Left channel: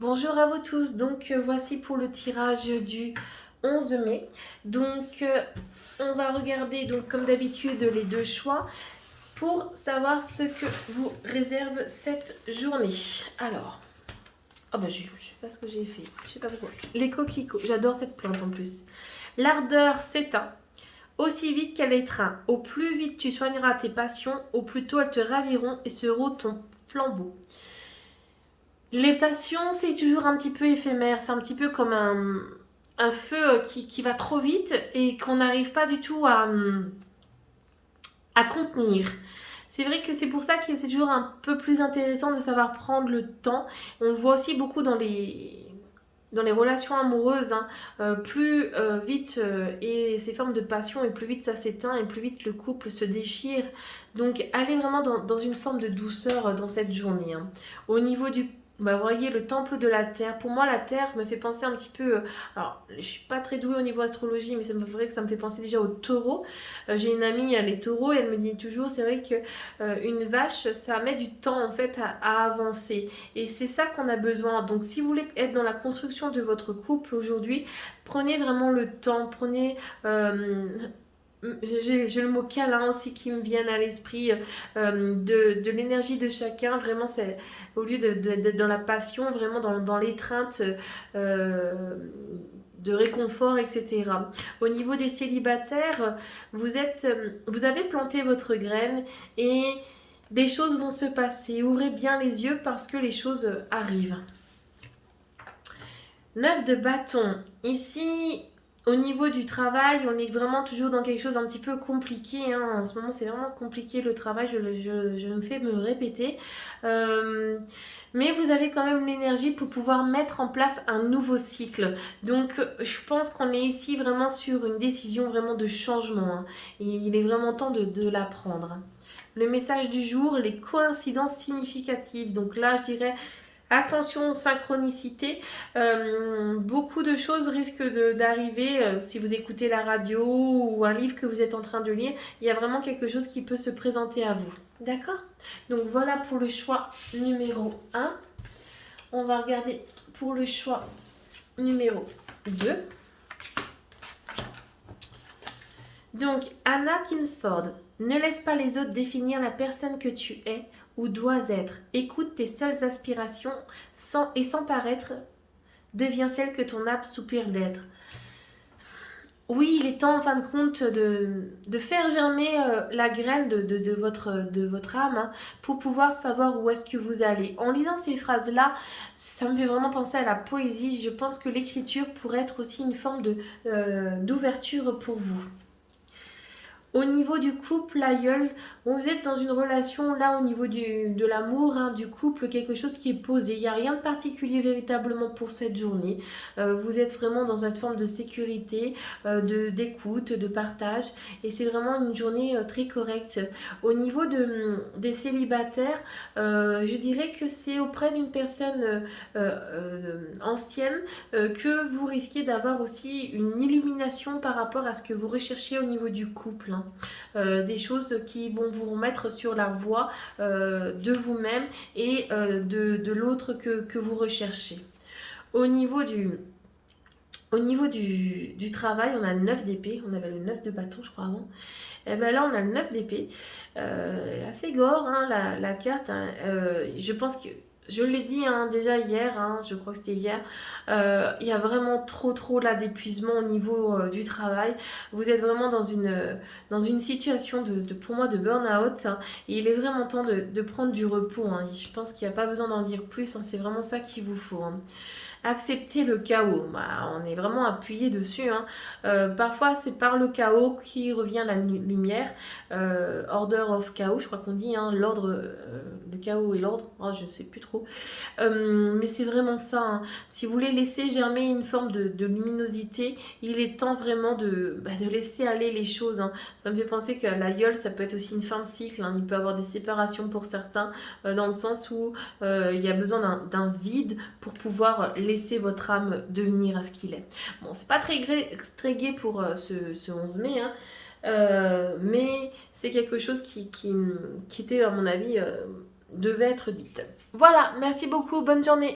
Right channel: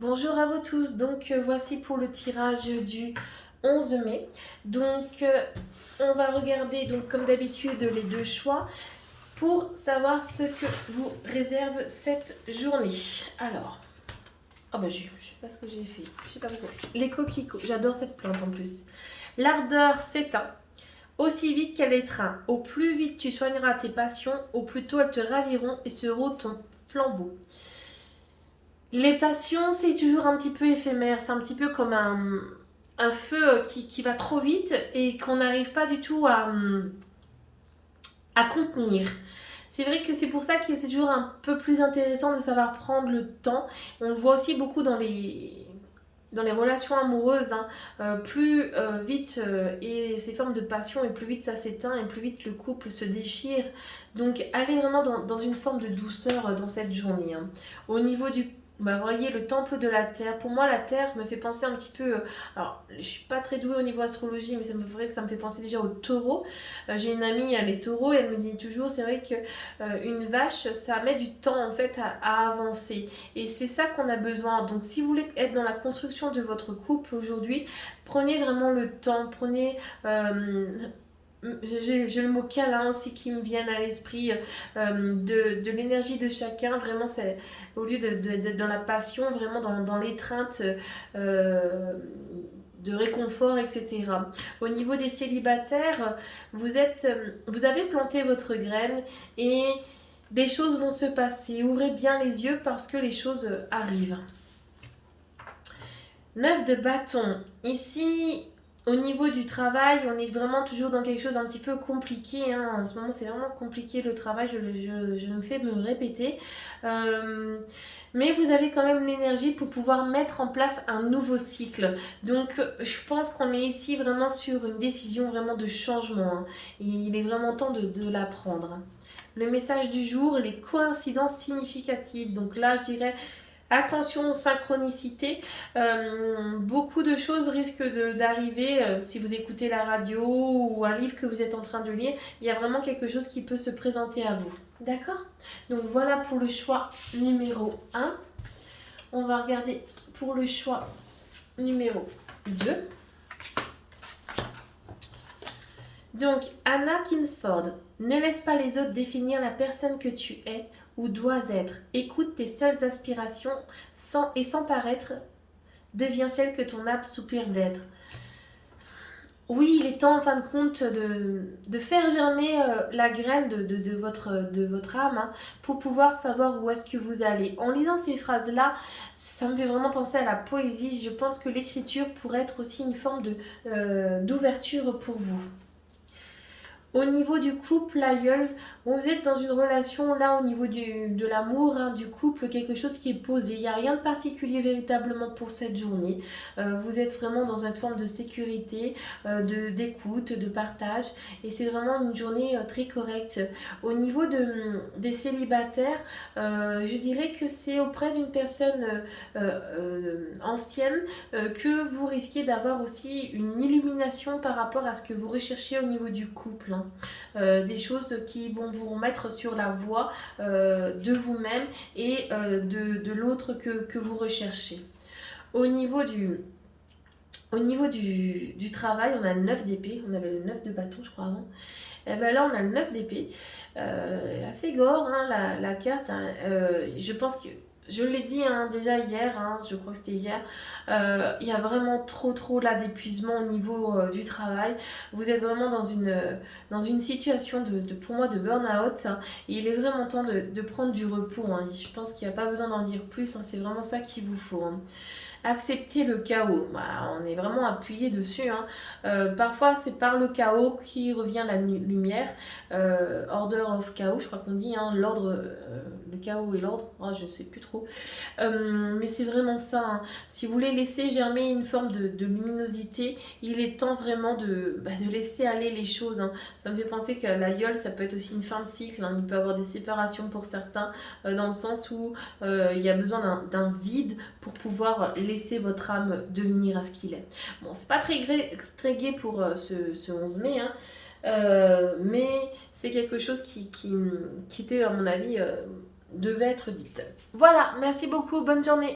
Bonjour à vous tous, donc voici pour le tirage du 11 mai. Donc on va regarder donc comme d'habitude les deux choix pour savoir ce que vous réserve cette journée. Alors, oh bah je sais pas ce que j'ai fait, je sais pas pourquoi. Les coquelicots, j'adore cette plante en plus. L'ardeur s'éteint aussi vite qu'elle étreint. Au plus vite tu soigneras tes passions, au plus tôt elles te raviront et seront ton flambeau. Les passions, c'est toujours un petit peu éphémère. C'est un petit peu comme un feu qui va trop vite et qu'on n'arrive pas du tout à contenir. C'est vrai que c'est pour ça que c'est toujours un peu plus intéressant de savoir prendre le temps. On le voit aussi beaucoup dans les relations amoureuses, hein. Plus vite et ces formes de passion, et plus vite ça s'éteint, et plus vite le couple se déchire. Donc allez vraiment dans une forme de douceur dans cette journée, hein. Au niveau du bah, vous voyez le temple de la terre. Pour moi, la terre me fait penser un petit peu. Alors, je suis pas très douée au niveau astrologie, mais c'est vrai que ça me fait penser déjà au taureau. J'ai une amie, elle est taureau, et elle me dit toujours, c'est vrai que une vache, ça met du temps en fait à avancer. Et c'est ça qu'on a besoin. Donc, si vous voulez être dans la construction de votre couple aujourd'hui, prenez vraiment le temps. Prenez. J'ai le mot câlin aussi qui me vient à l'esprit, de l'énergie de chacun. Vraiment, c'est au lieu d'être dans la passion, vraiment dans l'étreinte. euh, de réconfort, etc. Au niveau des célibataires, vous avez planté votre graine et des choses vont se passer. Ouvrez bien les yeux parce que les choses arrivent. 9 de bâton. Ici, au niveau du travail, on est vraiment toujours dans quelque chose d'un petit peu compliqué, hein. En ce moment, c'est vraiment compliqué le travail, je me fais me répéter. Euh, mais vous avez quand même l'énergie pour pouvoir mettre en place un nouveau cycle. Donc, je pense qu'on est ici vraiment sur une décision vraiment de changement, hein. Et il est vraiment temps de la prendre. Le message du jour, les coïncidences significatives. Donc là, je dirais attention, synchronicité. Beaucoup de choses risquent d'arriver si vous écoutez la radio ou un livre que vous êtes en train de lire. Il y a vraiment quelque chose qui peut se présenter à vous. D'accord? Donc voilà pour le choix numéro 1. On va regarder pour le choix numéro 2. Donc, Anna Kingsford, ne laisse pas les autres définir la personne que tu es ou dois être. Écoute tes seules aspirations sans paraître, deviens celle que ton âme soupire d'être. Oui, il est temps en fin de compte de faire germer la graine de votre âme, hein, pour pouvoir savoir où est-ce que vous allez. En lisant ces phrases-là, ça me fait vraiment penser à la poésie. Je pense que l'écriture pourrait être aussi une forme d'ouverture pour vous. Au niveau du couple, l'aïeul, vous êtes dans une relation là au niveau de l'amour, hein, du couple, quelque chose qui est posé. Il n'y a rien de particulier véritablement pour cette journée. Vous êtes vraiment dans une forme de sécurité, d'écoute, de partage. Et c'est vraiment une journée très correcte. Au niveau des célibataires, je dirais que c'est auprès d'une personne ancienne que vous risquez d'avoir aussi une illumination par rapport à ce que vous recherchez au niveau du couple, hein. Des choses qui vont vous remettre sur la voie de vous-même et de l'autre que vous recherchez. Au niveau du travail, on a le 9 d'épée, on avait le 9 de bâton je crois avant. Et ben là on a le 9 d'épée, assez gore, hein, la carte, hein. Je pense que je l'ai dit, hein, déjà hier, hein, je crois que c'était hier, il y a vraiment trop là d'épuisement au niveau du travail. Vous êtes vraiment dans une situation pour moi de burn-out, hein. Et il est vraiment temps de prendre du repos, hein. Je pense qu'il n'y a pas besoin d'en dire plus, hein, c'est vraiment ça qu'il vous faut, hein. Accepter le chaos, bah, on est vraiment appuyé dessus, hein. Parfois c'est par le chaos qui revient la lumière. Order of chaos, je crois qu'on dit, hein, l'ordre, le chaos et l'ordre, oh, je sais plus trop. Mais c'est vraiment ça, hein. Si vous voulez laisser germer une forme de luminosité, il est temps vraiment de laisser aller les choses, hein. Ça me fait penser que l'aïeul, ça peut être aussi une fin de cycle, hein. Il peut y avoir des séparations pour certains, dans le sens où il y a besoin d'un vide pour pouvoir laisser votre âme devenir à ce qu'il est. Bon, c'est pas très gai pour ce 11 mai, hein, mais c'est quelque chose qui était, à mon avis, devait être dite. Voilà, merci beaucoup, bonne journée.